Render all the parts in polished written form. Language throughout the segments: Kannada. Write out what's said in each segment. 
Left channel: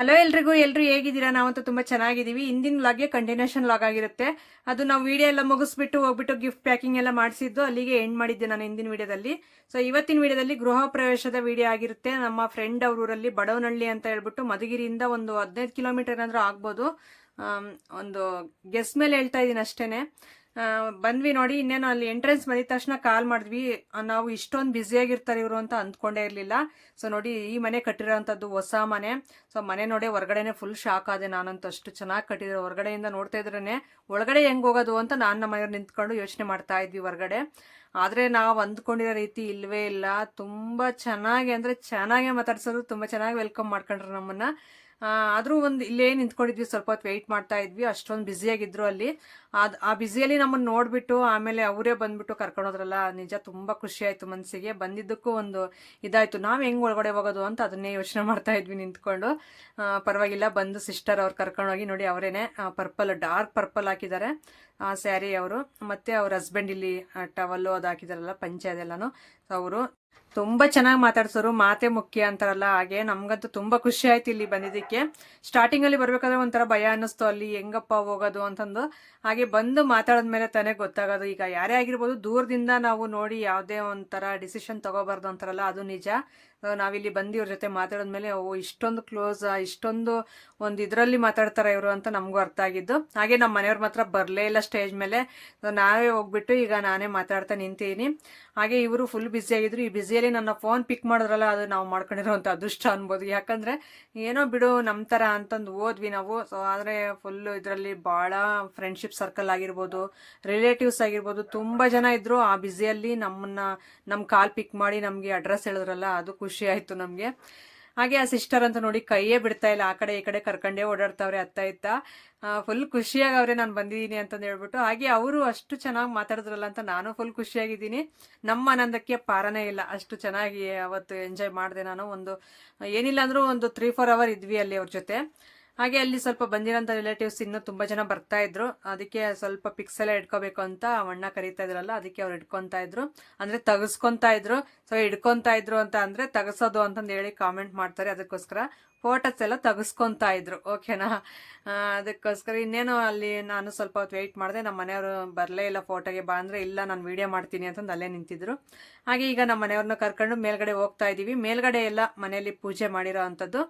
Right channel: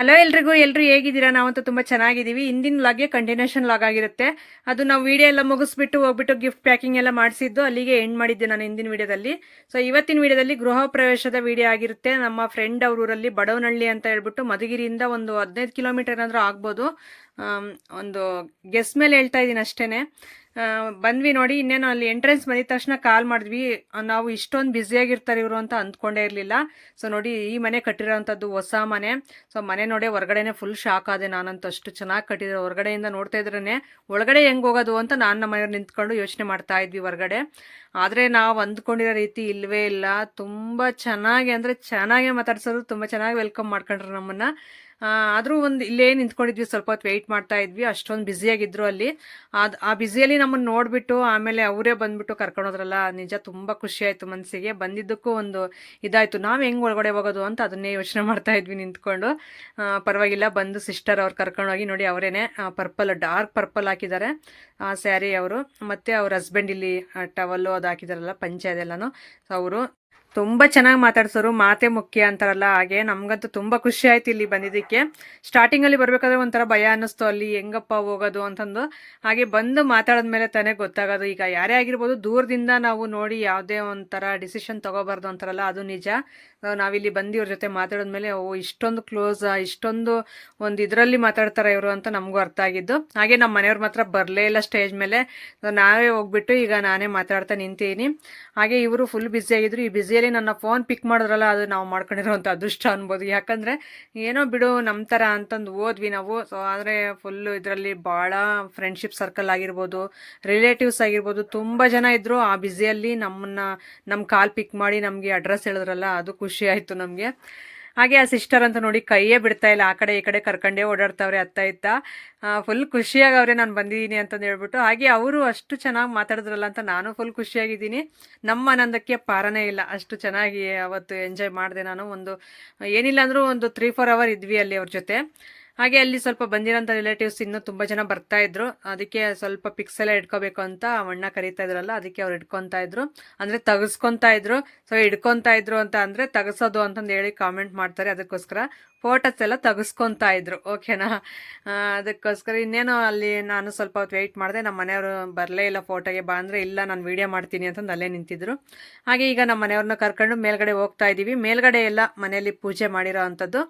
ಹಲೋ ಎಲ್ರು ಹೇಗಿದ್ದೀರಾ? ನಾವಂತೂ ತುಂಬಾ ಚೆನ್ನಾಗಿದ್ದೀವಿ. ಇಂದಿನ ಲಾಗ್ಗೆ ಕಂಟಿನ್ಯೂಷನ್ ಲಾಗ್ ಆಗಿರುತ್ತೆ. ಅದು ನಾವು ವಿಡಿಯೋ ಎಲ್ಲ ಮುಗಿಸ್ಬಿಟ್ಟು ಹೋಗ್ಬಿಟ್ಟು ಗಿಫ್ಟ್ ಪ್ಯಾಕಿಂಗ್ ಎಲ್ಲ ಮಾಡಿಸಿದ್ದು ಅಲ್ಲಿಗೆ ಎಂಡ್ ಮಾಡಿದ್ದೆ ನಾನು ಹಿಂದಿನ ವಿಡಿಯೋದಲ್ಲಿ. ಸೊ ಇವತ್ತಿನ ವಿಡಿಯೋದಲ್ಲಿ ಗೃಹ ಪ್ರವೇಶದ ವಿಡಿಯೋ ಆಗಿರುತ್ತೆ. ನಮ್ಮ ಫ್ರೆಂಡ್ ಅವ್ರ ಊರಲ್ಲಿ ಬಡವನಹಳ್ಳಿ ಅಂತ ಹೇಳ್ಬಿಟ್ಟು ಮಧುಗಿರಿಯಿಂದ ಒಂದು 15 ಕಿಲೋಮೀಟರ್ ಏನಾದರೂ ಆಗ್ಬೋದು. ಒಂದು ಗೆಸ್ ಮೇಲೆ ಹೇಳ್ತಾ ಇದ್ದೀನಿ ಅಷ್ಟೇನೆ. ಬಂದ್ವಿ ನೋಡಿ. ಇನ್ನೇನು ಅಲ್ಲಿ ಎಂಟ್ರೆನ್ಸ್ ಬಂದಿದ ತಕ್ಷಣ ಕಾಲ್ ಮಾಡಿದ್ವಿ. ನಾವು ಇಷ್ಟೊಂದು ಬ್ಯುಸಿಯಾಗಿರ್ತಾರೆ ಇವರು ಅಂತ ಅಂದ್ಕೊಂಡೇ ಇರಲಿಲ್ಲ. ಸೊ ನೋಡಿ, ಈ ಮನೆ ಕಟ್ಟಿರೋಂಥದ್ದು ಹೊಸ ಮನೆ. ಸೊ ಮನೆ ನೋಡಿ ಹೊರಗಡೆನೆ ಫುಲ್ ಶಾಕ್ ಆದೆ ನಾನಂತೂ. ಅಷ್ಟು ಚೆನ್ನಾಗಿ ಕಟ್ಟಿದ್ರು. ಹೊರಗಡೆಯಿಂದ ನೋಡ್ತಾ ಇದ್ರೇನೆ ಒಳಗಡೆ ಹೆಂಗ್ ಹೋಗೋದು ಅಂತ ನಾನು ನಮ್ಮ ಮನೆಯವ್ರು ನಿಂತ್ಕೊಂಡು ಯೋಚನೆ ಮಾಡ್ತಾ ಇದ್ವಿ ಹೊರಗಡೆ. ಆದರೆ ನಾವು ಅಂದ್ಕೊಂಡಿರೋ ರೀತಿ ಇಲ್ವೇ ಇಲ್ಲ. ತುಂಬ ಚೆನ್ನಾಗಿ ಅಂದರೆ ಚೆನ್ನಾಗೇ ಮಾತಾಡ್ಸೋದು, ತುಂಬ ಚೆನ್ನಾಗಿ ವೆಲ್ಕಮ್ ಮಾಡ್ಕೊಂಡ್ರು ನಮ್ಮನ್ನು. ಆದರೂ ಒಂದು ಇಲ್ಲೇ ನಿಂತ್ಕೊಂಡಿದ್ವಿ, ಸ್ವಲ್ಪ ಹೊತ್ತು ವೆಯ್ಟ್ ಮಾಡ್ತಾ ಇದ್ವಿ. ಅಷ್ಟೊಂದು ಬ್ಯುಸಿಯಾಗಿದ್ರು ಅಲ್ಲಿ. ಆ ಬ್ಯುಸಿಯಲ್ಲಿ ನಮ್ಮನ್ನು ನೋಡಿಬಿಟ್ಟು ಆಮೇಲೆ ಅವರೇ ಬಂದ್ಬಿಟ್ಟು ಕರ್ಕೊಂಡೋದ್ರಲ್ಲ, ನಿಜ ತುಂಬ ಖುಷಿ ಆಯಿತು ಮನಸ್ಸಿಗೆ. ಬಂದಿದ್ದಕ್ಕೂ ಒಂದು ಇದಾಯಿತು, ನಾವು ಹೆಂಗೆ ಒಳಗಡೆ ಹೋಗೋದು ಅಂತ ಅದನ್ನೇ ಯೋಚನೆ ಮಾಡ್ತಾ ಇದ್ವಿ ನಿಂತ್ಕೊಂಡು. ಪರವಾಗಿಲ್ಲ, ಬಂದು ಸಿಸ್ಟರ್ ಅವ್ರು ಕರ್ಕೊಂಡೋಗಿ ನೋಡಿ, ಅವರೇನೆ ಪರ್ಪಲ್, ಡಾರ್ಕ್ ಪರ್ಪಲ್ ಹಾಕಿದ್ದಾರೆ ಆ ಸ್ಯಾರಿ ಅವರು. ಮತ್ತು ಅವ್ರ ಹಸ್ಬೆಂಡ್ ಇಲ್ಲಿ ಟವಲ್ಲು ಅದು ಹಾಕಿದಾರಲ್ಲ, ಪಂಚೆ ಅದೆಲ್ಲನೂ. ಸೊ ಅವರು ತುಂಬ ಚೆನ್ನಾಗಿ ಮಾತಾಡ್ಸೋರು. ಮಾತೆ ಮುಖ್ಯ ಅಂತಾರಲ್ಲ ಹಾಗೆ. ನಮಗಂತೂ ತುಂಬ ಖುಷಿ ಆಯ್ತು ಇಲ್ಲಿ ಬಂದಿದ್ದಕ್ಕೆ. ಸ್ಟಾರ್ಟಿಂಗಲ್ಲಿ ಬರಬೇಕಾದ್ರೆ ಒಂಥರ ಭಯ ಅನ್ನಿಸ್ತು, ಅಲ್ಲಿ ಹೆಂಗಪ್ಪ ಹೋಗೋದು ಅಂತಂದು. ಹಾಗೆ ಬಂದು ಮಾತಾಡಿದ್ಮೇಲೆ ತಾನೇ ಗೊತ್ತಾಗೋದು. ಈಗ ಯಾರೇ ಆಗಿರ್ಬೋದು, ದೂರದಿಂದ ನಾವು ನೋಡಿ ಯಾವುದೇ ಒಂಥರ ಡಿಸಿಷನ್ ತಗೋಬಾರ್ದು ಅಂತಾರಲ್ಲ, ಅದು ನಿಜ. ನಾವಿಲ್ಲಿ ಬಂದು ಇವ್ರ ಜೊತೆ ಮಾತಾಡಿದ್ಮೇಲೆ, ಓ ಇಷ್ಟೊಂದು ಕ್ಲೋಸ್, ಇಷ್ಟೊಂದು ಒಂದು ಇದರಲ್ಲಿ ಮಾತಾಡ್ತಾರೆ ಇವರು ಅಂತ ನಮಗೂ ಅರ್ಥ ಆಗಿದ್ದು. ಹಾಗೆ ನಮ್ಮ ಮನೆಯವ್ರು ಮಾತ್ರ ಬರಲೇ ಇಲ್ಲ ಸ್ಟೇಜ್ ಮೇಲೆ. ನಾವೇ ಹೋಗ್ಬಿಟ್ಟು ಈಗ ನಾನೇ ಮಾತಾಡ್ತಾ ನಿಂತೀನಿ. ಹಾಗೆ ಇವರು ಫುಲ್ ಬ್ಯುಸಿ ಆಗಿದ್ರು. ಈ ಬ್ಯುಸಿಯಲ್ಲಿ ನನ್ನ ಫೋನ್ ಪಿಕ್ ಮಾಡಿದ್ರಲ್ಲ, ಅದು ನಾವು ಮಾಡ್ಕೊಂಡಿರೋಂಥ ಅದೃಷ್ಟ ಅನ್ಬೋದು. ಯಾಕಂದರೆ ಏನೋ ಬಿಡು ನಮ್ಮ ಥರ ಅಂತಂದು ಹೋದ್ವಿ ನಾವು. ಸೊ ಆದರೆ ಫುಲ್ಲು ಇದರಲ್ಲಿ ಭಾಳ ಫ್ರೆಂಡ್ಶಿಪ್ ಸರ್ಕಲ್ ಆಗಿರ್ಬೋದು, ರಿಲೇಟಿವ್ಸ್ ಆಗಿರ್ಬೋದು, ತುಂಬ ಜನ ಇದ್ದರು. ಆ ಬ್ಯುಸಿಯಲ್ಲಿ ನಮ್ಮ ಕಾಲ್ ಪಿಕ್ ಮಾಡಿ ನಮಗೆ ಅಡ್ರೆಸ್ ಹೇಳಿದ್ರಲ್ಲ, ಅದು ಖುಷಿ ಆಯಿತು ನಮಗೆ. ಹಾಗೆ ಆ ಸಿಸ್ಟರ್ ಅಂತ ನೋಡಿ ಕೈಯೇ ಬಿಡ್ತಾ ಇಲ್ಲ, ಆ ಕಡೆ ಈ ಕಡೆ ಕರ್ಕೊಂಡೇ ಓಡಾಡ್ತಾವ್ರೆ ಅತ್ತ ಇತ್ತ. ಫುಲ್ ಖುಷಿಯಾಗವ್ರೆ ನಾನು ಬಂದಿದ್ದೀನಿ ಅಂತಂದು ಹೇಳ್ಬಿಟ್ಟು. ಹಾಗೆ ಅವರು ಅಷ್ಟು ಚೆನ್ನಾಗಿ ಮಾತಾಡಿದ್ರಲ್ಲ ಅಂತ ನಾನು ಫುಲ್ ಖುಷಿಯಾಗಿದ್ದೀನಿ. ನಮ್ಮ ಆನಂದಕ್ಕೆ ಪಾರನೇ ಇಲ್ಲ. ಅಷ್ಟು ಚೆನ್ನಾಗಿ ಅವತ್ತು ಎಂಜಾಯ್ ಮಾಡಿದೆ ನಾನು. ಏನಿಲ್ಲ ಅಂದರೂ ಒಂದು 3-4 ಅವರ್ ಇದ್ವಿ ಅಲ್ಲಿ ಅವ್ರ ಜೊತೆ. ಹಾಗೆ ಅಲ್ಲಿ ಸ್ವಲ್ಪ ಬಂದಿರೋಂಥ ರಿಲೇಟಿವ್ಸ್ ಇನ್ನೂ ತುಂಬ ಜನ ಬರ್ತಾ ಇದ್ರು. ಅದಕ್ಕೆ ಸ್ವಲ್ಪ ಪಿಕ್ಸ್ ಎಲ್ಲ ಇಟ್ಕೋಬೇಕು ಅಂತ ಅಣ್ಣ ಕರೀತಾ ಇದ್ರಲ್ಲ, ಅದಕ್ಕೆ ಅವ್ರು ಇಟ್ಕೊತಾ ಇದ್ರು. ಅಂದರೆ ತೆಗೆಸ್ಕೊತಾ ಇದ್ರು. ಸೊ ಇಟ್ಕೊತಾ ಇದ್ರು ಅಂತ ಅಂದರೆ ತೆಗೆಸೋದು ಅಂತಂದು ಹೇಳಿ ಕಾಮೆಂಟ್ ಮಾಡ್ತಾರೆ. ಅದಕ್ಕೋಸ್ಕರ ಫೋಟೋಸ್ ಎಲ್ಲ ತೆಗೆಸ್ಕೊತಾ ಇದ್ರು. ಓಕೆನಾ? ಅದಕ್ಕೋಸ್ಕರ ಇನ್ನೇನು ಅಲ್ಲಿ ನಾನು ಸ್ವಲ್ಪ ಹೊತ್ತು ವೆಯ್ಟ್ ಮಾಡಿದೆ. ನಮ್ಮ ಮನೆಯವರು ಬರಲೇ ಇಲ್ಲ ಫೋಟೋಗೆ. ಬಾ ಅಂದರೆ ಇಲ್ಲ, ನಾನು ವೀಡಿಯೋ ಮಾಡ್ತೀನಿ ಅಂತಂದು ಅಲ್ಲೇ ನಿಂತಿದ್ರು. ಹಾಗೆ ಈಗ ನಮ್ಮ ಮನೆಯವ್ರನ್ನ ಕರ್ಕೊಂಡು ಮೇಲ್ಗಡೆ ಹೋಗ್ತಾ ಇದ್ದೀವಿ. ಮೇಲ್ಗಡೆ ಎಲ್ಲ ಮನೆಯಲ್ಲಿ ಪೂಜೆ ಮಾಡಿರೋ ಅಂಥದ್ದು.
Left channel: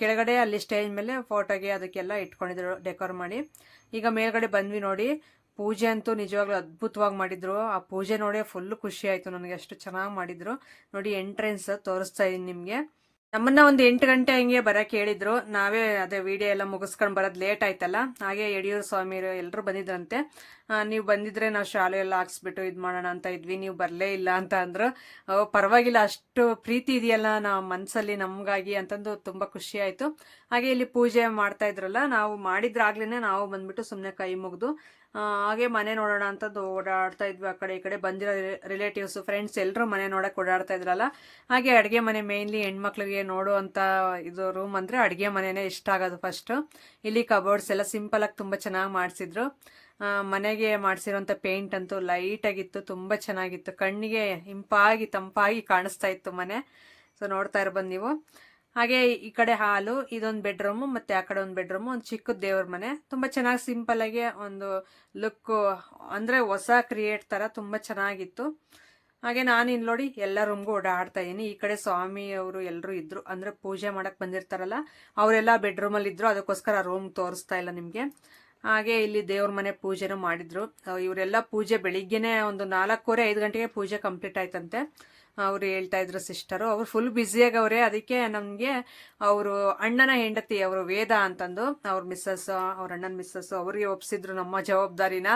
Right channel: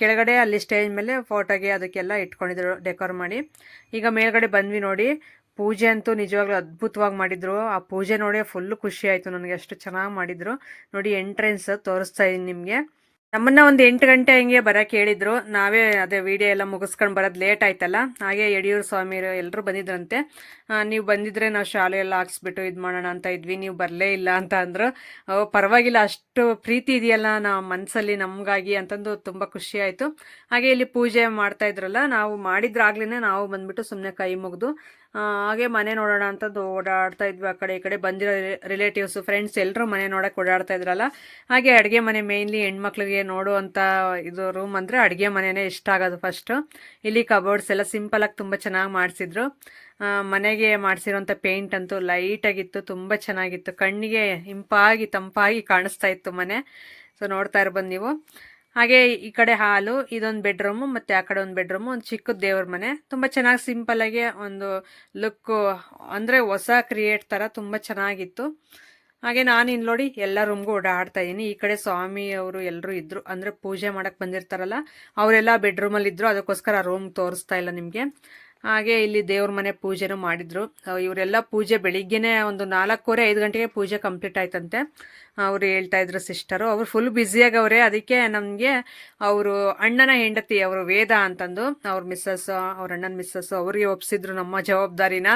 ಕೆಳಗಡೆ ಅಲ್ಲಿ ಸ್ಟೇಜ್ ಮೇಲೆ ಫೋಟೋಗೆ ಅದಕ್ಕೆಲ್ಲ ಇಟ್ಕೊಂಡಿದ್ರು ಡೆಕೋರ್ ಮಾಡಿ. ಈಗ ಮೇಲ್ಗಡೆ ಬಂದ್ವಿ ನೋಡಿ. ಪೂಜೆ ಅಂತೂ ನಿಜವಾಗ್ಲೂ ಅದ್ಭುತವಾಗಿ ಮಾಡಿದ್ರು. ಆ ಪೂಜೆ ನೋಡಿ ಫುಲ್ಲು ಖುಷಿ ಆಯಿತು ನನಗೆ. ಅಷ್ಟು ಚೆನ್ನಾಗಿ ಮಾಡಿದ್ರು ನೋಡಿ. ಎಂಟ್ರೆನ್ಸ್ ತೋರಿಸ್ತಾ ಇದ್ದೀನಿ ನಿಮಗೆ. ನಮ್ಮನ್ನ ಒಂದು 8 ಗಂಟೆ ಹಂಗೆ ಬರೋಕೆ ಹೇಳಿದ್ರು. ನಾವೇ ಅದೇ ವಿಡಿಯೋ ಎಲ್ಲ ಮುಗಿಸ್ಕೊಂಡು ಬರೋದು ಲೇಟ್ ಆಯ್ತಲ್ಲ. ಹಾಗೆ ಯಡಿಯೂರು ಸ್ವಾಮಿಯರು ಎಲ್ಲರೂ ಬಂದಿದ್ರಂತೆ. ನೀವು ಬಂದಿದ್ರೆ ನಾವು ಶಾಲೆ ಎಲ್ಲ ಹಾಕ್ಸ್ಬಿಟ್ಟು ಇದು ಮಾಡೋಣ ಅಂತ ಇದ್ವಿ, ನೀವು ಬರಲೇ ಇಲ್ಲ ಅಂತ ಅಂದರು. ಪರವಾಗಿಲ್ಲ, ಅಷ್ಟು ಪ್ರೀತಿ ಇದೆಯಲ್ಲ ನಮ್ಮ ಮನಸ್ಸಲ್ಲಿ ನಮಗಾಗಿ ಅಂತಂದು ತುಂಬ ಖುಷಿ ಆಯಿತು. ಹಾಗೆ ಇಲ್ಲಿ ಪೂಜೆ ಮಾಡ್ತಾ ಇದ್ರಲ್ಲ, ನಾವು ಮಾಡಿದ್ರಾಗ್ಲೇ ನಾವು ಬಂದ್ಬಿಟ್ಟು ಸುಮ್ಮನೆ ಕೈ ಮುಗಿದು ಹಾಗೆ ಮನೆ ನೋಡೋಣ ಅಂತಂದು ಓಡಾಡ್ತಾ ಇದ್ವಿ. ಆ ಕಡೆ ಈ ಕಡೆ ಬಂದಿರೋ ರಿಲೇಟಿವ್ಸು, ಫ್ರೆಂಡ್ಸ್ ಎಲ್ಲರೂ ಮನೆ ನೋಡೋಕೆ ಓಡಾಡ್ತಾ ಇದ್ರಲ್ಲ. ಹಾಗೆ ಅಡುಗೆ ಮನೆ ಮೇಯ್ನ್ಲಿ ಹೆಣ್ಮಕ್ಳಿಗೆ ನೋಡುವಂಥ ಇದು ರೂಮ್ ಅಂದರೆ ಅಡುಗೆ ಮನೆಯೇ ಇಷ್ಟ ಆಗೋದು ಫಸ್ಟು. ಇಲ್ಲಿ ಕಬೋರ್ಡ್ಸ್ ಎಲ್ಲ ಸಿಂಪಲಾಗಿ ತುಂಬ ಚೆನ್ನಾಗಿ ಮಾಡಿಸಿದ್ರು. ಮನೆಗೆ ಮಾಡಿಸಿರೋಂಥ ಪೇಂಟ್ ಅಂತೂ ಲೈಟಾಗಿತ್ತು, ತುಂಬ ಚೆನ್ನಾಗಿತ್ತು. ಕಣ್ಣಿಗೆ ಇಂಪಾಗಿ ತಂಪಾಗಿ ಕಾಣಿಸ್ತಾ ಇತ್ತು ಮನೆ. ಸೊ ನೋಡ್ತಾ ಇರ್ಬೋದು ನೀವು. ಹಾಗೆ ಈ ಕಡೆ ಹಾಲು, ಇದೊಂದು ಬೆಡ್ರೂಮು, ಮತ್ತು ಆ ಕಡೆ ಒಂದು ಬೆಡ್ರೂಮು, ಒಂದು ಚಿಕ್ಕದ ದೇವ್ರ ಮನೆ. ತುಂಬ ಚೆನ್ನಾಗಿ ಸಿಂಪಲ್ಲಾಗಿ ಒಂದು ಲುಕ್ಕು, ಅಂದರೆ ಹೊಸ ಕ್ರಿಯೇಟ್ ಥರ ತುಂಬ ಚೆನ್ನಾಗಿತ್ತು. ಹಾಗೆ ನಾನು ಇಲ್ಲಿ ನೋಡಿ ಎಲ್ಲ ರೂಮ್ಗೂ ಓಡಾಡ್ತಾ ಇದ್ದೀನಿ. ಈ ಕಡೆ ಸ್ವಾಮಿ ಅವರು ಎಲ್ಲರೂ ಇದ್ದರು, ಅಂದರೆ ಪೂಜೆ ಮಾಡೋಕ್ಕೆ ಬಂದಿರ್ತಾರಲ್ಲ ಅವರೆಲ್ಲ ಬೆಡ್ರೂಮಲ್ಲಿ ಇದ್ದರು. ಅದಕ್ಕೋಸ್ಕರ ರೂಮ್ ತೋರಿಸ್ತಾ ಇಲ್ಲ ನಿಮಗೆ. ಹಾಗೆ ಇಲ್ಲಿ ದೇವ್ರ ಮನೆ ಪೂಜೆನೂ ಮಾಡಿದ್ರು. ಇವರೆಲ್ಲ ಪೂಜೆ ಬೆಳಿಗ್ಗೆನೇ ಒಂದು 4:15 ಗಂಟೆಗೆ ಪೂಜೆ ಕಂಪ್ಲೀಟ್ ಆಯ್ತಂತೆ. ಅವರು ಹೇಳ್ತಾ ಇದ್ರು ಸಿಸ್ಟರು. ಅವರು ಫುಲ್ ಬ್ಯುಸಿಯಾಗವ್ರೆ. ಅದಕ್ಕೆ ನಮಗೆ ಅವರು ಅಣ್ಣನ ಹೆಂಡತಿ, ಅವರು ವೇದ ಅಂತಂದು, ಅವ್ರ ಮಿಸ್ಸಸ್, ಅವ್ರ ಅಣ್ಣನ ಮಿಸ್ಸಸ್ ಅವ್ರಿಗೆ ಒಪ್ಸಿದ್ರು ನಮ್ಮ ಜವಾಬ್ದಾರಿನ.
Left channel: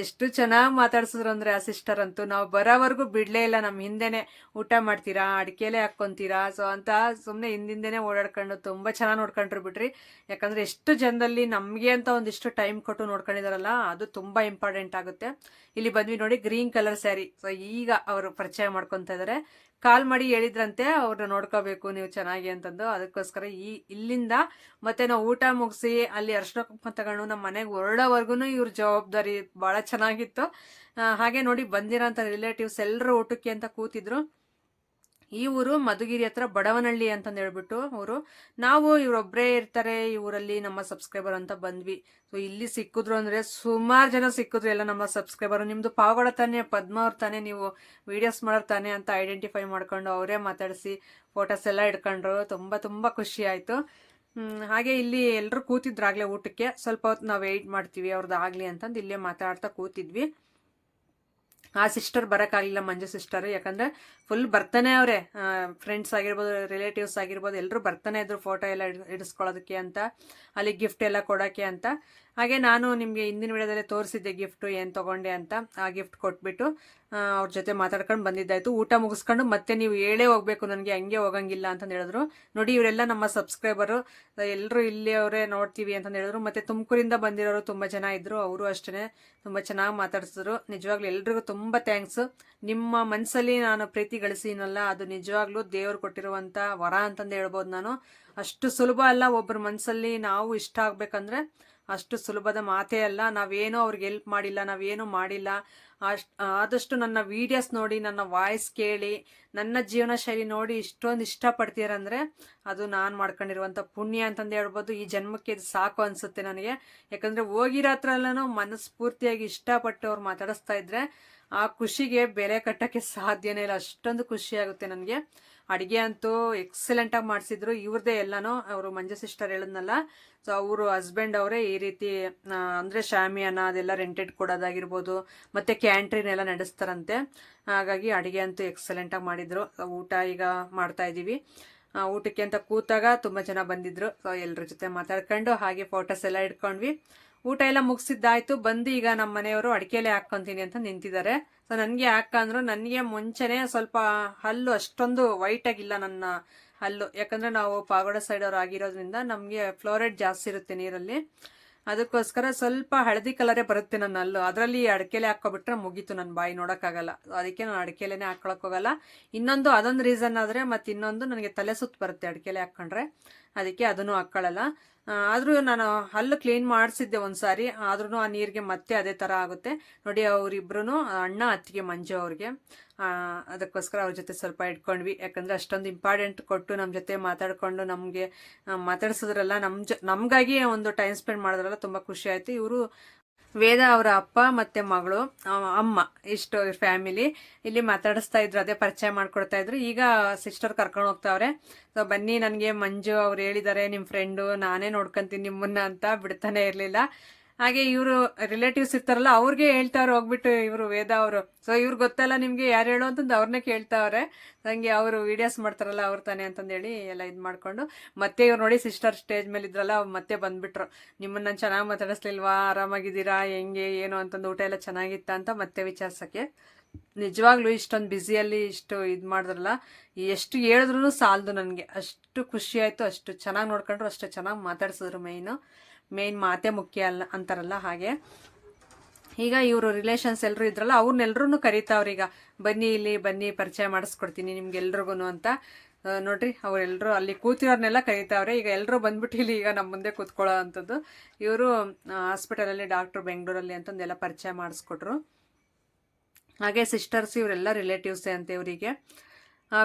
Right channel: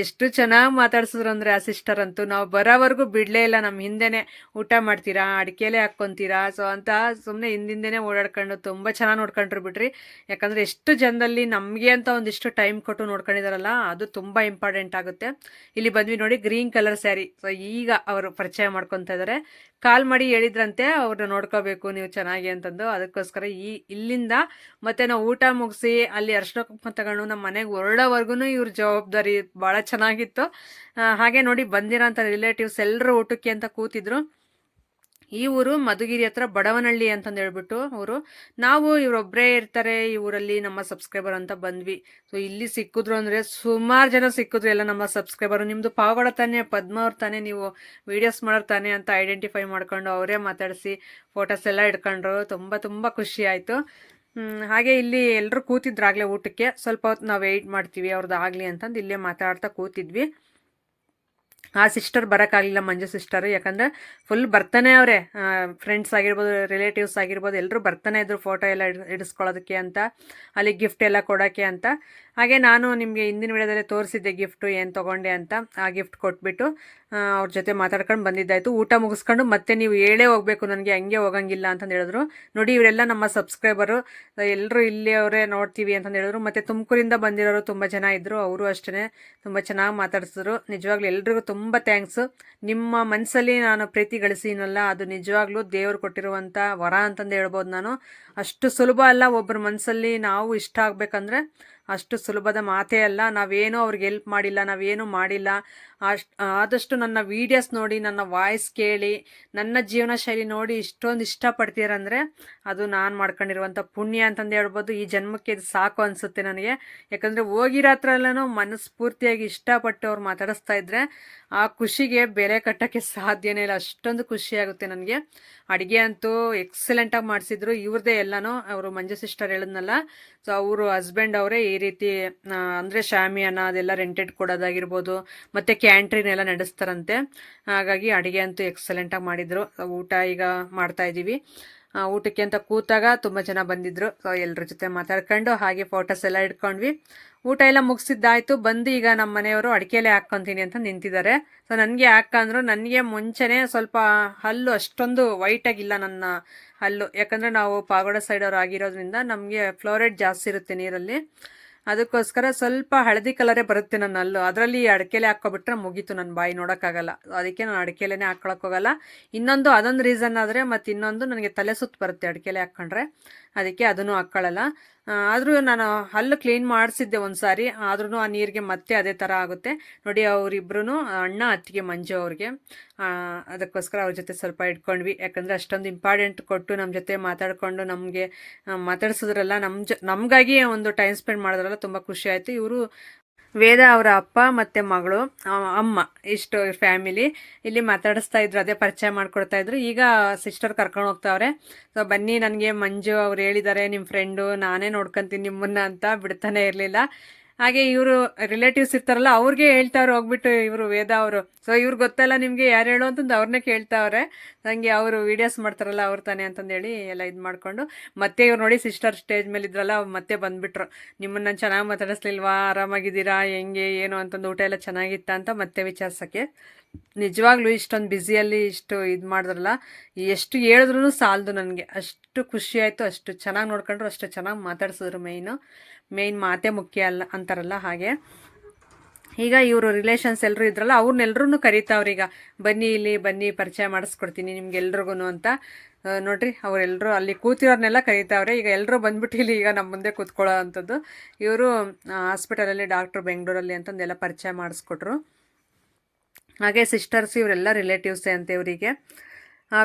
ಎಷ್ಟು ಚೆನ್ನಾಗಿ ಮಾತಾಡ್ಸಿದ್ರು ಅಂದರೆ ಆ ಸಿಸ್ಟರ್ ಅಂತೂ. ನಾವು ಬರೋವರೆಗೂ ಬಿಡಲೇ ಇಲ್ಲ. ನಮ್ಮ ಹಿಂದೆನೇ ಊಟ ಮಾಡ್ತೀರಾ, ಅಡಿಕೆಲೆ ಹಾಕ್ಕೊತೀರಾ, ಸೊ ಅಂತ ಸುಮ್ಮನೆ ಹಿಂದಿಂದೇನೆ ಓಡಾಡ್ಕೊಂಡು ತುಂಬ ಚೆನ್ನಾಗಿ ನೋಡ್ಕೊಂಡ್ರು ಬಿಡ್ರಿ. ಯಾಕಂದರೆ ಎಷ್ಟು ಜನದಲ್ಲಿ ನಮಗೆ ಅಂತ ಒಂದಿಷ್ಟು ಟೈಮ್ ಕೊಟ್ಟು ನೋಡ್ಕೊಂಡಿದಾರಲ್ಲ, ಅದು ತುಂಬ ಇಂಪಾರ್ಟೆಂಟ್ ಆಗುತ್ತೆ. ಇಲ್ಲಿ ಬಂದ್ವಿ ನೋಡಿ, ಗ್ರೀನ್ ಕಲರ್ ಸ್ಯಾರಿ. ಸೊ ಈಗ ಅವರು ಪರಿಚಯ ಮಾಡ್ಕೊತಾ ಇದ್ದಾರೆ. ಕಾಲ್ ಮಾಡಿ ಹೇಳಿದ್ರಂತೆ ಅವ್ರನ್ನ ನೋಡ್ಕೋಬೇಕು ನೀವು ಚೆನ್ನಾಗಿ ಅಂತಂದು. ಅದಕ್ಕೋಸ್ಕರ ಇಲ್ಲಿಂದ ಮತ್ತೆ ನಾವು ಊಟ ಮುಗಿಸಿ ಅಲ್ಲಿ ಅರ್ಶಿನ ಕುಂಕುಮ ತಗೊಂಡು ನಮ್ಮ ಮನೆಗೆ ಹೊರಡೋವರೆಗೂ ಇವ್ರ ಜವಾಬ್ದಾರಿ ಭಾಳ ಚೆನ್ನಾಗಿತ್ತು. ಹಾಗೆ ನೋಡಿ ಬಂದಿರೋಂಥ ರಿಲೇಟಿವ್ಸ್ ಎಲ್ಲರೂ ಊಟಕ್ಕೆ ಅಂತ ಕೂತಿದ್ರು. ಈ ಊರು ಮಧುಗಿರಿ ಹತ್ರ ಬಡವನಹಳ್ಳಿ ಅಂತಂದು ಹೇಳ್ಬಿಟ್ಟು ಊರು. ನಾವು ಇವರೊಬ್ಬರೇ ಇರ್ತಾರೆ ಈ ಊರಲ್ಲಿ ನಮ್ಮ ಸಬ್ಸ್ಕ್ರೈಬರ್ ಅಂತ ಬಂದ್ವಿ. ಸೊ ಇಲ್ಲಿ ಸಿಕ್ಕಿದ್ರು ಅಂದರೆ ಸುಮಾರು ಜನ ಸಿಕ್ಕಿದ್ರು ಎಲ್ಲ ನಮ್ಮ ಸಬ್ಸ್ಕ್ರೈಬರು. ನಿಮ್ಮದು ಪಾವಗಡ ತಾನೆ, ಪದ್ಮ ಅವ್ರು ತಾನೆ, ನೀವು ವೀಡಿಯೋಸ್ ಮಾಡೋರು ತಾನೆ ಅಂತ ಐಡೆಂಟಿಫೈ ಮಾಡ್ಕೊಂಡು ಅವರೇ ಮಾತಾಡಿಸಿ ಫೋಟೋಸ್ ಎಲ್ಲ ಇಟ್ಕೊಂಡ್ರು. ತುಂಬ ತುಂಬ ಖುಷಿ ಆಯಿತು. ಹಾಗೆ ಇಲ್ಲಿ ಎಲ್ಲರೂ ಕೂತಿದ್ರಾಗಲೇ ಊಟಕ್ಕೆ. ಸ್ವಲ್ಪ ಹೊತ್ತು ನಾವು ವೆಯ್ಟ್ ಮಾಡ್ತೀವಿ ಅವ್ರದ್ದು ಆಗಲಿ ಅಂತಂದು ಇಲ್ಲೇ ಮಾತಾಡ್ತಾ ಕೂತಿದ್ವಿ. ಆ ಸಿಸ್ಟರ್ ಬರೋಕ್ಕಾಗಲಿಲ್ಲ, ಮಂಜು ಸಿಸ್ಟರು, ಯಾಕಂದರೆ ಫುಲ್ ಬರ್ತಾನೆ ಅವರೇ. ಫ್ರೆಂಡ್ಸ್ ಆಗಿರ್ಬೋದು, ರಿಲೇಟಿವ್ಸ್ ಆಗಿರ್ಬೋದು, ಎಲ್ಲರೂ ಬರ್ತಾನೆ ಇದ್ರು ಫೋಟೋ ಎಲ್ಲ ಇಡಿಸ್ಕೊಳ್ಳೋದಕ್ಕೆ ಅಂತ, ಅಲ್ಲಿ ಗಿಫ್ಟ್ ಎಲ್ಲ ಕೊಡೋಕ್ಕೆ ಅಂತ. ಹಾಗೆ ನಾನು ನಿಮಗೆ ಹಿಂದಿನ ವಿಡಿಯೋದಲ್ಲೇ ತೋರಿಸಿದ್ದೆ ಗಿಫ್ಟು ಏನು ತೊಗೊಂಡೆ ಅಂತ. ಆ ಗಿಫ್ಟ್ ಕೊಟ್ಬಿಟ್ಟು ಅವ್ರ ಜೊತೆ ಮಾತಾಡ್ಕೊಂಡು ಬಂದಿದ್ದಾಯಿತು. ಊಟ ಮುಗಿಸ್ಕೊಂಡು ಮತ್ತೆ ನೀವು ಹೇಳೇ ಹೋಗಬೇಕು, ನನಗೆ ಹಂಗೆ ಹೋಗಂಗಿಲ್ಲ ಅಂತಂದು ಹೇಳಿದ್ರು. ನೋಡಿ ಇವರೆಲ್ಲ ನಮ್ಮ ಸಬ್ಸ್ಕ್ರೈಬರು, ಎಲ್ಲರೂ ಇಲ್ಲಿ ಅವರೇ ನೋಡ್ತೀವಿ ಅಂತಂದು ಹೇಳಿದ್ರು. ಮತ್ತು ತುಮಕೂರಿಂದ ಬಂದಿರೋರು ತುಂಬ ಜನ ಇದ್ದರು, ಅವರು ಅಷ್ಟೇ ತುಂಬ ಚೆನ್ನಾಗಿ ಮಾತಾಡ್ಸಿದ್ರು. ನಿಜವಾಗ್ಲೂ ಎಲ್ರಿಗೂ ತುಂಬ ಥ್ಯಾಂಕ್ಸು. ನಿಮ್ಮ ಮನಸ್ಸಲ್ಲಿ ನಾನು ಪ್ರೀತಿ ಗಳಿಸಿನಲ್ಲ, ಅದು ನಿಜವಾಗ್ಲೂ ದೇವರು ಕೊಟ್ಟಿರುವಂಥ ವರ ಅಂತಂದು ಹೇಳ್ಬೋದು ನಾನು. ಅಷ್ಟು ಸುಲಭ ಅಲ್ಲ ಒಬ್ಬರ ಮನಸ್ಸಲ್ಲಿ ನಾವು ಇಷ್ಟ ಆಗಬೇಕಂದ್ರೆ, ಅಷ್ಟು ಸುಲಭದ ಮಾತೇ ಅಲ್ಲ. ನಾವೇನೋ ಅವ್ರಿಗೆ ಹೆಲ್ಪ್ ಮಾಡಿಲ್ಲ, ನಾವೇನೂ ಮಾಡಿಲ್ಲ. ಆದಷ್ಟು ನನ್ನ ವೀಡಿಯೋಸ್ ನೋಡಿ, ನನ್ನ ವಾಯ್ಸ್ ಕೇಳಿ, ನನ್ನ ಜೀವನ ಶೈಲಿ ನೋಡಿ ಇಷ್ಟೊಂದು ಇಷ್ಟಪಡ್ತೀರಂದರೆ ಅದು ನಾನು ಮಾಡ್ಕೊಂಡಿರುವಂಥ ಪುಣ್ಯ ಅಂತಂದು ಹೇಳ್ಬೋದು. ಈ ಜನ್ಮಕ್ಕೆ ಇದು ಸಾಕು ಅನಿಸುತ್ತೆ ನನಗೆ. ಯಾಕಂದರೆ ಹೋಗಿರೋ ಹತ್ರ ಎಲ್ಲನೂ ಮನಸ್ಫೂರ್ತಿಯಾಗಿ ಇಷ್ಟಪಟ್ಟು ಅವ್ರು ಮಾತಾಡಿಸ್ತಾ ಇದ್ರೆ ಆ ಖುಷಿಗೆ ಬೆಲೆ ಕಟ್ಟೋಕ್ಕೆ ಸಾಧ್ಯನೇ ಇಲ್ಲ. ಅಷ್ಟೊಂದು ಖುಷಿಯಾಗುತ್ತೆ ನನಗೆ. ಅಡುಗೆ ಅಂತೂ ಎಕ್ಸಲೆಂಟಾಗಿ ಮಾಡಿಸಿದ್ರು. ಇವ್ರದ್ದೇ ಎಲ್ಲನೂ, ಅವರು ಮಂಜು ಸಿಸ್ಟರ್ ಹೇಳಿದ್ನಲ್ಲ, ಸೊ ಅವರು ಹಸ್ಬೆಂಡ್ ಅವರೇ ಈ ರೀತಿ ಅಂದರೆ ಶಾಮಿಯಾನ ಅದೆಲ್ಲ ರೆಂಟೆಡ್ ಕೊಡೋದಾಗಿರ್ಬೋದು, ಮತ್ತು ಕ್ಯಾಂಟ್ರಿನ್ ಎಲ್ಲ ನಡೆಸ್ತಾರಂತೆ. ಹಾಗಾಗಿ ಅಡುಗೆ ಅಂತೂ ಎಕ್ಸಲೆಂಟಾಗಿ ಮಾಡಿದರು. ಊಟ ಈಗ ಮಾಡ್ತಾಯಿದ್ದೀವಿ. ಊಟಕ್ಕೆ ಅಂತ ಕೂತಾಗ ತುಂಬ ಜನ ಬಂದಿದ್ದರು. ಸೊ ಎಲ್ಲರ ಜೊತೆ ಮಾತಾಡ್ಕೊಂಡು ಹಾಗೆ ಫೋಟೋಸ್ ಎಲ್ಲ ಇಟ್ಕೊಂಡ್ವಿ. ಊಟ ಎಲ್ಲ ಮುಗಿಸಿದ್ದಾಯಿತು. ಬಂದು ಈಗ ನಮ್ಮ ಮನೆಯವರು ಅಡಿಕೆಲೆ ಹಾಕ್ಕೊತೀನಿ ಅಂತ ನಿಂತಿದ್ದಾರೆ. ಸೊ ನನಗೆ ಹಾಕಂದ್ರು, ನನಗೆ ಮುಂಚೆನೇ ಸ್ವಲ್ಪ ಹಲ್ಲು ಅಷ್ಟೊಂದು ವೈಟಾಗಿಲ್ಲ ನನ್ನ ಹಲ್ಲು. ಯಾಕಂದರೆ ನಾವು ಪಾಗೋಡ ಸೈಡವ್ರು ಆಗಿರೋದ್ರಿಂದ ನಮಗೆ ಫ್ಲೋರೈಡ್ ಜಾಸ್ತಿ ಇರುತ್ತೆ ನೀರಲ್ಲಿ. ಅದಕ್ಕೋಸ್ಕರ ಸ್ವಲ್ಪ ಹಳದಿ ಕಲರೇ ಬರುತ್ತೆ ನನ್ನ ಹಲ್ಲು. ಅದರಲ್ಲಿ ಅಡಿಕೆಲೆ ಹಾಕ್ಕೊಬಿಟ್ರೆ ಮುಗೀತು, ನನ್ನ ಬಾಯಿ ನೋಡೋಕ್ಕಾಗಲ್ಲ. ಅದಕ್ಕೆ ನಾನು ಅಡಿಕೆಲೆನೇ ಹಾಕ್ಕೊಳಕ್ಕೋಗಲ್ಲ. ಇನ್ನೊಂದು ಅದೊಂದು ರೀಸನ್ ಆದರೆ, ಮತ್ತು ಇನ್ನೊಂದು ನನಗೆ ತಲೆ ಸುತ್ತು ಬರುತ್ತೆ ಅಡಿಕೆಲೆ ಹಾಕ್ಕೊಂಡ್ರೆ, ಅದಕ್ಕೆ ಅದನ್ನು ಹಾಕ್ಕೊಳ್ಳಲ್ಲ. ಆದರೂ ನಾನು ಹಲ್ಲು ಕ್ಲೀನ್ ಮಾಡಿಸಿದ್ದೆ ಒಂದು ಸಾರಿ, ಆದ್ರೂ ಆ ನೀರಿಗೆ ಮತ್ತೆ ಅದೇ ಥರ ಆಗುತ್ತೆ ನೋಡಿ. ಅವರಿಬ್ರು ಅಣ್ಣ ಅತ್ತಿಗೆ ಮಂಜು ಅವ್ರಿಗೆ, ಅದಕ್ಕೋಸ್ಕರ ಅವ್ರ ಜೊತೆ ಸ್ವಲ್ಪ ಇಟ್ಕೊಂಡ್ವಿ. ಯಾಕಂದರೆ ಅಷ್ಟೊಂದು ಇಂಪಾರ್ಟೆಂಟ್ ಕೊಟ್ಟು ನಮ್ಮ ಜೊತೆ ಮಾತಾಡಿಕೊಂಡು ನಮಗೆ ಮಾತಾಡ್ಸಿದ್ರಲ್ಲ, ನಮಗಾಗಿ ಒಂದು ಟೈಮ್ ಸ್ಪೆಂಡ್ ಮಾಡಿದ್ರಲ್ಲ, ತುಂಬ ಖುಷಿ ಆಯಿತು. ಇವರು ವೇದ ಅವರ ಅಪ್ಪ ಮತ್ತು ಮಗಳು, ಅಮ್ಮ, ಇಷ್ಟು ಫ್ಯಾಮಿಲಿ ಇಲ್ಲಿ ಮಾತಾಡಿಸ್ತಾ ಇದ್ರು. ಅದೇ ಪರಿಚಯ ಮಾಡ್ಕೊಡ್ತಾ ಇದ್ರು. ಈಗ ಸಿಸ್ಟರ್ ಕರ್ಕೊಂಡು ಹೋಗ್ತಾವ್ರೆ. ಸೊ ಬನ್ನಿ, ನನಗೆ ಮಂಜು ಅವ್ರು ಹೇಳಿದ್ದಾರೆ ನಿಮ್ಮ ಫ್ರೆಂಡು, ನಾನೇ ನೋಡ್ಕೊಂತೀನಿ ನಿಮ್ಮನ್ನ ಅಂತ ಬಿಡ್ತಾನೆ ಇರಲಿಲ್ಲ. ಹಾಗೆ ಇವರು ರಿಲೇಟಿವ್ಸ್ ಇರ್ತಾರಲ್ಲ, ಅವ್ರಿಗೆ ಹೇಳ್ತಾವ್ರೆ ಹೋಗ್ಬಿಟ್ಟು ಇವರು ವೇದ ಅವರು. ಸೊ ಇವ್ರಿಗೆ ಗೊತ್ತಲ್ಲ ನಿಮಗೆ ಯಾರು ಹೇಳೋ ಅಂತಂದು ಅವ್ರನ್ನೇ ಕೇಳ್ತಾವ್ರೆ. ನನಗೆ ಅವರು ವೀಡಿಯೋಸ್ ಮಾಡ್ತಾರಲ್ಲ ಅವ್ರು ತಾನೆ ಅಂತಂದೇಳಿ ಎಲ್ಲ ಇದು ಮಾಡಿಕೊಂಡು, ಮತ್ತೆ ಇವ್ರು ನೋಡಿ ಸಿಸ್ಟರ್ ಸ್ಟೇಜ್ ಮೇಲೆ ಇದ್ರಲ್ಲ, ಮತ್ತೆ ಬಂದುಬಿಟ್ರು. ನಿಮ್ಮನ್ನು ನಾನು ಚೆನ್ನಾಗಿ ಮಾತಾಡಿಸ್ಲಿಲ್ವಾ, ಆರಾಮಾಗಿದ್ದೀರಾ, ಹೆಂಗೆ ಏನು ಅಂತಂದು, ಊಟ ಎಲ್ಲ ಚೆನ್ನಾಗಿತ್ತ ಅಂತ ಮತ್ತೆ ವಿಚಾರಿಸೋಕ್ಕೆ. ನಿಜವಾಗ್ಲೂ ಇಷ್ಟೊಂದು ಬ್ಯುಸಿಯಲ್ಲಿ ಇಷ್ಟು ಇದು ಮಾಡಿದ್ರಲ್ಲ, ಎಷ್ಟು ಹೇಳಿದ್ರೂ ಸಾಲದು ನನಗೆ. ಅಷ್ಟು ಖುಷಿ ಆಯಿತು. ಅಷ್ಟು ಚೆನ್ನಾಗಿ ನೋಡ್ಕೊಂಡ್ರು, ಅಷ್ಟು ಚೆನ್ನಾಗಿ ಮಾತಾಡ್ಸಿದ್ರು. ಮೇಯ್ನ್ ಮಾತೇ ಮುಖ್ಯ ಅಲ್ಲ ಅಂತಾರಲ್ಲ ಹಾಗೆ. ಈಗ ಇವರು ರಿಲೇಷನ್ಸ್ ಎಲ್ಲರೂ ಇದ್ರಲ್ಲ, ಅವ್ರನ್ನೆಲ್ಲರೂ ಕರೀತಾವ್ರೀಗ, ಬನ್ನಿ ಇಲ್ಲಿ ಬನ್ನಿ, ಪರಿಚಯ ಮಾಡಿಸ್ಕೊಡ್ತೀನಿ ನಿಮ್ಗೆಲ್ರಿಗೂ ಅಂತ. ನೋಡ್ರಿ, ಅವರೆಲ್ಲರೂ ಅಲ್ಲಿ ಕೂತಿರೋರ್ನೆಲ್ಲ ಕರೀತಾವ್ರೆ. ಈಗ ಎಲ್ಲರೂ ಬಂದ್ಬಿಟ್ಟು ಇಲ್ಲಿ ಈಗ ನಮ್ಮ ಮುಂದೆ ಕೂತ್ಕೊಳ್ಳೋ ಅಂಥದ್ದು. ಇವರು ಹಾಸ್ಪಿಟಲಲ್ಲಿ ಡಾಕ್ಟ್ರು ಬೆಂಗಳೂರಲ್ಲಿ ಅಂತಂದೆಲ್ಲ ಪರಿಚಯ ಮಾಡಿಸ್ಕೊಟ್ರು. ಹಾಗೆ ಸಿಸ್ಟರ್ಸ್ ಇವರೆಲ್ಲ ರಿಲೇಟಿವ್ಸೇ ಅಂತ ಇವರಿಗೆ.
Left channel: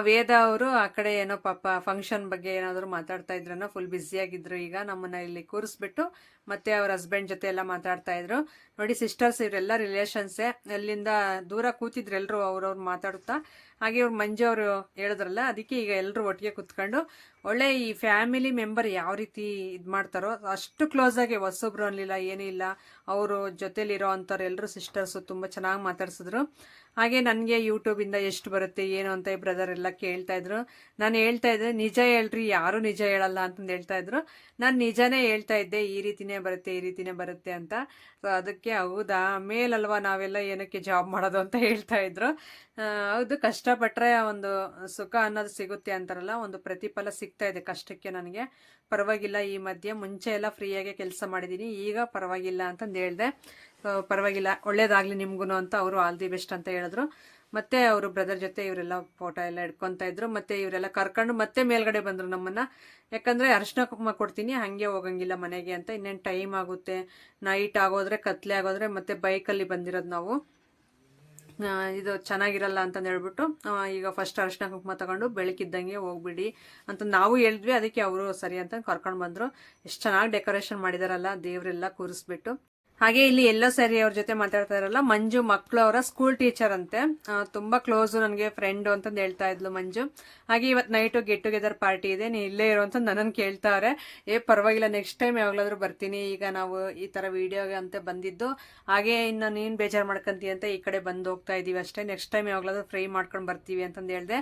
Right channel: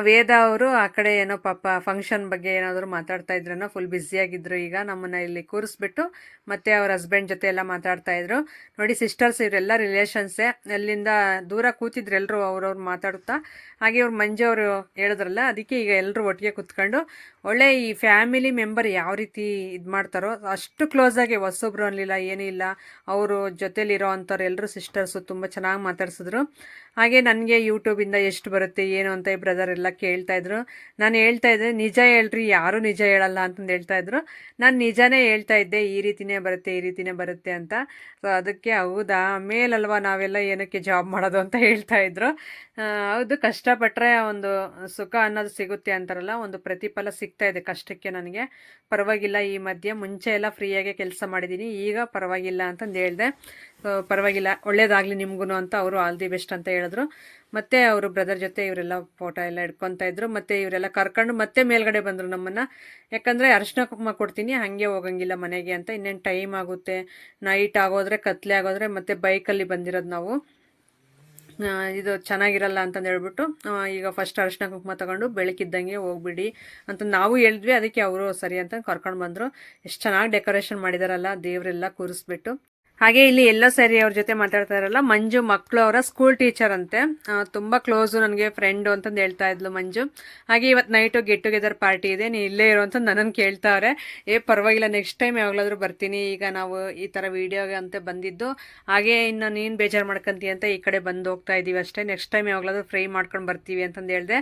ವೇದ ಅವರು ಆ ಕಡೆ ಏನೋ ಪಾಪ ಫಂಕ್ಷನ್ ಬಗ್ಗೆ ಏನಾದರೂ ಮಾತಾಡ್ತಾ ಇದ್ರೇನೋ, ಫುಲ್ ಬ್ಯುಸಿಯಾಗಿದ್ದರು. ಈಗ ನಮ್ಮನ್ನು ಇಲ್ಲಿ ಕೂರಿಸ್ಬಿಟ್ಟು ಮತ್ತೆ ಅವ್ರ ಹಸ್ಬೆಂಡ್ ಜೊತೆ ಎಲ್ಲ ಮಾತಾಡ್ತಾಯಿದ್ರು. ನೋಡಿ ಸಿಸ್ಟರ್ಸ್ ಇವರೆಲ್ಲ ರಿಲೇಷನ್ಸೇ. ಅಲ್ಲಿಂದ ದೂರ ಕೂತಿದ್ರು ಎಲ್ಲರೂ ಅವ್ರವ್ರು ಮಾತಾಡುತ್ತಾ. ಹಾಗೆ ಇವ್ರು ಮಂಜು ಅವರು ಹೇಳಿದ್ರಲ್ಲ, ಅದಕ್ಕೆ ಈಗ ಎಲ್ಲರೂ ಒಟ್ಟಿಗೆ ಕೂತ್ಕೊಂಡು ಒಳ್ಳೆ ಈ ಫ್ಯಾಮಿಲಿ ಮೆಂಬರ್ ಯಾವ ರೀತಿ ಇದು ಮಾಡ್ತಾರೋ ಅಷ್ಟು ಕ್ಲೋಸಾಗಿ, ಹೊಸೊಬ್ರು ಅನ್ನಲಿಲ್ಲ, ಏನೂ ಇಲ್ಲ. ಅವರು ಜೊತೇಲಿರೋ ಅಂಥವ್ರು ಎಲ್ಲರೂ ಸಿಸ್ಟರ್ಸು ತುಂಬ ಚೆನ್ನಾಗಿ ಮಾತಾಡ್ಸಿದ್ರು. ಹಾಗೆ ನನಗೆ ಯೂಟ್ಯೂಬಿಂದ ಎಷ್ಟು ಬರುತ್ತೆ ಏನು ಅಂತ ಈ ಬ್ರದರ್ ಎಲ್ಲ ಕೇಳ್ತಾಯಿದ್ರು. ನಾನು ಹೇಳ್ತಾಯಿದ್ದೆ, ನಿಜ ಹೇಳ್ರಿ, ಯಾರೂ ನಿಜ ಹೇಳಲ್ಲ ಅಂತಂದು ಹೇಳ್ತಾಯಿದ್ರು. ನಾನು ನಿಜನೇ ಹೇಳ್ತಾ ಇದ್ದೆ, ಈ ರೀತಿನೇ ಬರುತ್ತೆ ಅಂತ. ಸೊ ಅದಕ್ಕೆ ಹೌದಾ, ಮೇಲಲ್ವಾ ನಾವೆಲ್ಲ ಏನಕ್ಕೆ ಜಾಬ್ ಮಾಡೋದು ಅಂತ ಹೇಳ್ತಾಯಿದ್ರು. ಹೌದು, ಕಷ್ಟಪಟ್ಟರೆ ಒಂದು ಸುಖ ಅನ್ನೋದು ಸಿಗುತ್ತೆ ಅಂತಾರಲ್ಲ, ಒಂದು ಪ್ರತಿಫಲ ಸಿಗ್ತಾ ಇದೆ ಕಷ್ಟಕ್ಕೆ ನನಗೆ. ಪರವಾಗಿಲ್ಲ, ಈ ಮಧ್ಯೆ ಮುಂಚೆ ಎಲ್ಲ ಫ್ರೀಯಾಗೆ ಕೆಲಸ ಮಾಡಿದ್ದೀನಿ, ಈಗ ಪರವಾಗಿಲ್ಲ ಅಂತಂದು ಹೇಳಿದೆ. ಪರವಾಗಿಲ್ಲ, ಒಳ್ಳೇದಾಗಲಿ ನಿಮಗೂ ಅಂತ ಅವರು ಆಲ್ ದಿ ಬೆಸ್ಟ್ ಅಂತ ಹೇಳಿದ್ರು. ಮತ್ತು ಅವರು ಬ್ರದರ್ ಜೊತೆ ಇವರೆಲ್ಲ ಫೋಟೋ ಎಲ್ಲ ಇಟ್ಕೊತಾ ಇದ್ರು. ಮತ್ತು ಇವರೆಲ್ಲ ಕರ್ಕೊಂಡು ಮತ್ತೆ ಮೇಲ್ಗಡೆ ಬಂದರು ನಮ್ಮನ್ನು. ಯಾಕಂದರೆ ಅರಿಶಿನ ಕುಂಕುಮ ಕೊಡ್ತೀನಿ, ಹಾಗೆ ಹೋಗಂಗಿಲ್ಲ ಮನೆಗೆ ಅಂತ. ಇನ್ನೇನು ಟೈಮ್ ಆಗುತ್ತೆ, ನೈಟ್ ಆಗೋದ್ರೆ, ಕತ್ಲೆ ಆಗೋದ್ರೆ, ಮತ್ತು ಬೈಕಲ್ಲಿ ಬಂದಿರೋದು ನಾವು. ಇದು ಚೆನ್ನಾಗಿರಲ್ಲ ಅಂತಂದು ಹೇಳ್ಬಿಟ್ಟು ಈಗ ಫಸ್ಟ್ ಅರಿಶಿನ ಕುಂಕುಮ ತಗೊಂಡು ಬೆಳಕಿದ್ದಂಗೆ ಹೋಗ್ಬಿಡಿ ಅಂತ ನಾವು ಹೇಳಿದ್ವಿ. ಅದಕ್ಕೆ ಅವರು ಸರಿ ಅಂತ ಕರ್ಕೊಂಡು ಬಂದರು. ಎಷ್ಟು ಚೆನ್ನಾಗಿ ಡೆಕೋರೇಷನ್ ಮಾಡಿದಾರಲ್ಲ, ದೇವರೆಲ್ಲ ಕೂರಿಸ್ಬಿಟ್ಟು. ಹಾಗೆ ಇಲ್ಲಿ ಎಲ್ಲೋ ಸರಿ ಅವ್ರ ಜೊತೆ ಮಾತಾಡ್ತಾ ಇರಲ್ಲ, ಮಂಜು ಮಕ್ಕಳು ಅವರ ಸ್ಕೂಲ್ ಟೀಚರ್ ಅಂತೆ, ತುಂಬಾ ಕ್ಲೋಸು ನನಗೆ ಫ್ರೆಂಡು ಅಂತಂದು ಹೇಳ್ತಾ ಇದ್ಲು ಮಂಜು. ಹಾಗೆ ಇವತ್ತು ನೈಟು ಗೆಟ್ ಟುಗೆದರ್ ಪಾರ್ಟಿ ಇದೆ, ನೀ ಇಲ್ಲೇ ಇರೋ ಅಂತ ನನ್ನನ್ನು ಕೇಳ್ತಾವ್ರೆ. ಪರವಾಗಿಲ್ಲ, ನೆಕ್ಸ್ಟ್ ಟೈಮ್ ಯಾವಾಗಲಾದ್ರೂ ಬರ್ತೀನಿ. ಈಗ ನಾವು ಈ ಥರ ವೀಡಿಯೋಗೆ ಅಂತ ಬಂದಿದ್ದು, ಹಾಗೆ ಇನ್ನು ನೀನು ಬೇಜಾರು ಮಾಡ್ಕೊಂತೀಯ ಅಂತ ಈ ಕಡೆ ಬಂದು ಹೋಗ್ತಾ ಇದ್ದೀವಿ ಅಷ್ಟೇ. ನೆಕ್ಸ್ಟ್ ಟೈಮ್ ಯಾವಾಗಲಾದ್ರೂ ಫ್ರೈ ಮಾಡ್ಕೊಂಡು ಬರ್ತೀವಿ ಅಂತಂದು ಹೇಳಿದೆ.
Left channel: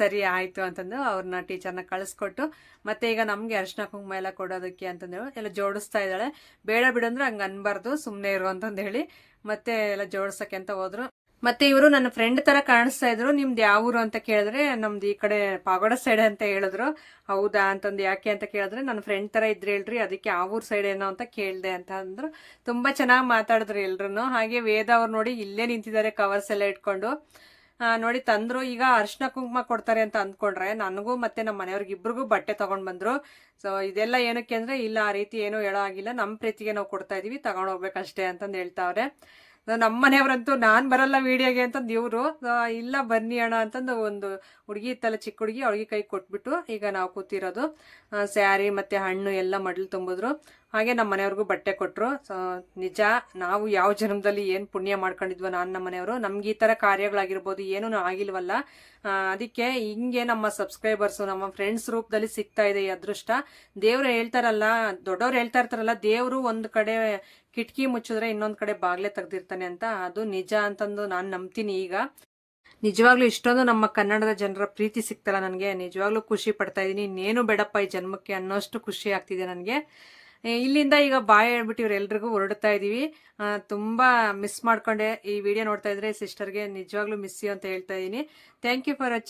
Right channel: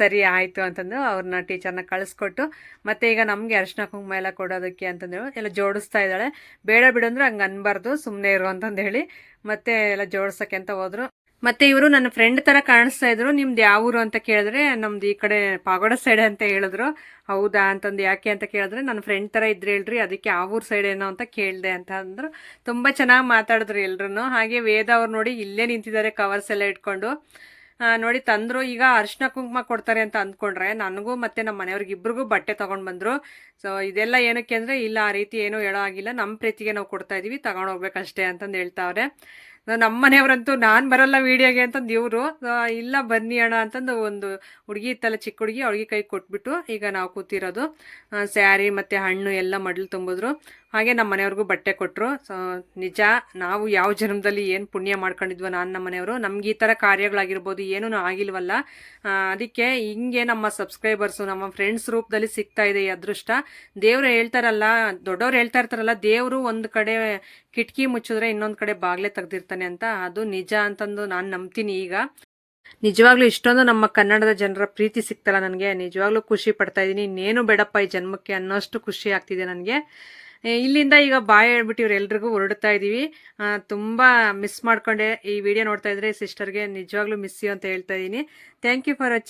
ಸರಿ ಆಯಿತು ಅಂತಂದು ಅವ್ರನ್ನ ಟೀಚರ್ನ ಕಳಿಸ್ಕೊಟ್ಟು, ಮತ್ತೆ ಈಗ ನಮಗೆ ಅರಿಶಿನ ಕುಂಕುಮ ಎಲ್ಲ ಕೊಡೋದಕ್ಕೆ ಅಂತಂದೇಳಿ ಎಲ್ಲ ಜೋಡಿಸ್ತಾ ಇದ್ದಾಳೆ. ಬೇಡ ಬಿಡು ಅಂದ್ರೆ ಹಂಗೆ ಅನ್ಬಾರ್ದು, ಸುಮ್ಮನೆ ಇರು ಅಂತಂದು ಹೇಳಿ ಮತ್ತೆ ಎಲ್ಲ ಜೋಡ್ಸಕ್ಕೆ ಅಂತ ಹೋದ್ರು. ಮತ್ತೆ ಇವರು ನನ್ನ ಫ್ರೆಂಡ್ ತರ ಕಾಣಿಸ್ತಾ ಇದ್ರು. ನಿಮ್ದು ಯಾವ ಊರು ಅಂತ ಕೇಳಿದ್ರೆ ನಮ್ದು ಈ ಕಡೆ ಪಾಗೋಡ ಸೈಡ್ ಅಂತ ಹೇಳಿದ್ರು. ಹೌದಾ ಅಂತಂದು, ಯಾಕೆ ಅಂತ ಕೇಳಿದ್ರೆ ನನ್ನ ಫ್ರೆಂಡ್ ತರ ಇದ್ರೆ ಹೇಳ್ರಿ, ಅದಕ್ಕೆ ಆ ಊರ್ ಸೈಡ್ ಏನೋ ಅಂತ ಕೇಳಿದೆ ಅಂತ ಅಂದ್ರು. ತುಂಬಾ ಚೆನ್ನಾಗಿ ಮಾತಾಡಿದ್ರು ಎಲ್ರು. ಹಾಗೆ ವೇದ ಅವ್ರು ನೋಡಿ ಇಲ್ಲೇ ನಿಂತಿದ್ದಾರೆ ಕವರ್ಸ್ ಎಲ್ಲ ಇಟ್ಕೊಂಡು. ನೋಡಿ ತಂದ್ರು. ಈಗ ಅರಿಶಿನ ಕುಂಕುಮ ಕೊಡ್ತಾರೆ ಅಂತ ಅಂದ್ಕೊಂಡ್ರೆ ನನಗೂ ಮತ್ತೆ ನಮ್ಮ ಮನೆಯವ್ರಿಗೆ ಇಬ್ರಿಗೂ ಬಟ್ಟೆ ತಗೊಂಡ್ ಬಂದ್ರು. ಸೊ ಇದೆಲ್ಲ ಏನಕ್ಕೆ ಅಂದ್ರೆ, ಇಲ್ಲ ಆ ರೀತಿ ಏನೂ ಹೇಳೋ ಆಗಿಲ್ಲ, ನಮ್ಮ ಪ್ರೀತಿಗೆ ನಾವು ಕೊಡ್ತಾ ಇದೀವಿ, ತಗೊಂಡ್ ಹೋಗ್ಬೇಕಷ್ಟೇ ಅಂತಂದು ಹೇಳ್ತಾವ್ರೆ. ನಮ್ಮ ಮನೆಯವ್ರಂತೂ ನಾನು ಬರಲ್ಲ ವಿಡಿಯೋಗೆ ಅಂತಂದು ಇವರು, ಇಲ್ಲ ಬನ್ನಿ ಅಣ್ಣ ಅಂತಂದು ಒಂದು ಹುಡುಗಿ ಇತ್ತಲ್ಲ, ಚಿಕ್ಕ ಹುಡುಗಿ, ಅವಳಿಗೆ ಕೈ ಕೊಟ್ಬಿಟ್ಟು ಈಗ ನಾವು ಕೂತಿರೋದು. ಸ್ಯಾರಿ ಮತ್ತೆ ಹಣ್ಣು ಎಲ್ಲ ಮಡ್ಲು ತುಂಬಿದ್ರು. ಹಾಗೆ ನಮ್ಮ ಮನೆಯವ್ರಿಗೂ ಬಟ್ಟೆ ಕೊಟ್ಟರು. ಸೊ ನಿಜ, ನಾವು ಯಾವ ಜನ್ಮದಲ್ಲಿ ಏನು ಪುಣ್ಯ ಮಾಡ್ಕೊಂಡಿದ್ವೋ ನಮ್ಮ ಮನೆಯವರು, ನಮ್ಗೆ ಈ ಥರ ಕಾರ್ಯಗಳಾಗಿರ್ಬೋದು ಏನೂ ಆಗಿಲ್ವಲ್ಲ. ಅದಕ್ಕೆ ಹಿಂಗೆ ನಮ್ಮ ಸಬ್ಸ್ಕ್ರೈಬರ್ಸು, ನಮ್ಮ ಫ್ರೆಂಡ್ಸ್ ರೂಪದಲ್ಲಿ ಸಿಗ್ತಾ ಇದೆ ಈ ಅದೃಷ್ಟ. ದೇವ್ರು ಹೇಳ್ತಾರಲ್ಲ, ದೊಡ್ಡವ್ರು ಹೇಳ್ತಾ ಇರ್ತಾರಲ್ಲ, ದೇವರು ಒಂದು ಕಡೆ ಕಿಟಕಿ ಮುಚ್ಚಿದ್ರೆ ಇನ್ನೊಂದು ಕಡೆ ಬಾಗ್ಲೆ ತೆಗ್ದಿರ್ತಾನೆ ಅಂತ. ಅದು ನಿಜ ಅಂತಂದು ನಾನು ನಂಬ್ತೀನಿ. ಈಗ ನಿಜವಾಗ್ಲೂ ಇಷ್ಟೊಂದು ನಮ್ಮ ಕನ್ನಡದ ಜನರ ಪ್ರೀತಿ ಸಿಗ್ತಲ್ಲ ನನಗೆ, ನಿಜವಾಗ್ಲೂ ಖುಷಿ ಪಡ್ತಾ ಇದ್ದೀನಿ. ಇನ್ನೇನು ಬೇಡಪ್ಪ ಈ ಜನ್ಮಕ್ಕೆ ಅನ್ನೋಷ್ಟು ಖುಷಿ ಆಗ್ತಿದೆ ನನಗೆ. ಇಲ್ಲಿಂದ ಈಗ ಬಾಯ್ ಹೇಳ್ಬಿಟ್ಟು ಇವರೆಲ್ರಿಗೂ ಹೊರಡ್ತಾ ಇದ್ದೀವಿ. ತುಂಬ ಮಿಸ್ ಮಾಡ್ಕೊಂಡೆ. ಈ ವಿಡಿಯೋ ನೋಡ್ತಾ ಇದ್ರೆ ಸಿಸ್ಟರ್ಗೆ ನಿಜವಾಗ್ಲೂ ಮಿಸ್ ಯು ಅಂತ ಹೇಳ್ತಾ ಇದ್ದೀನಿ. Thank you for watching.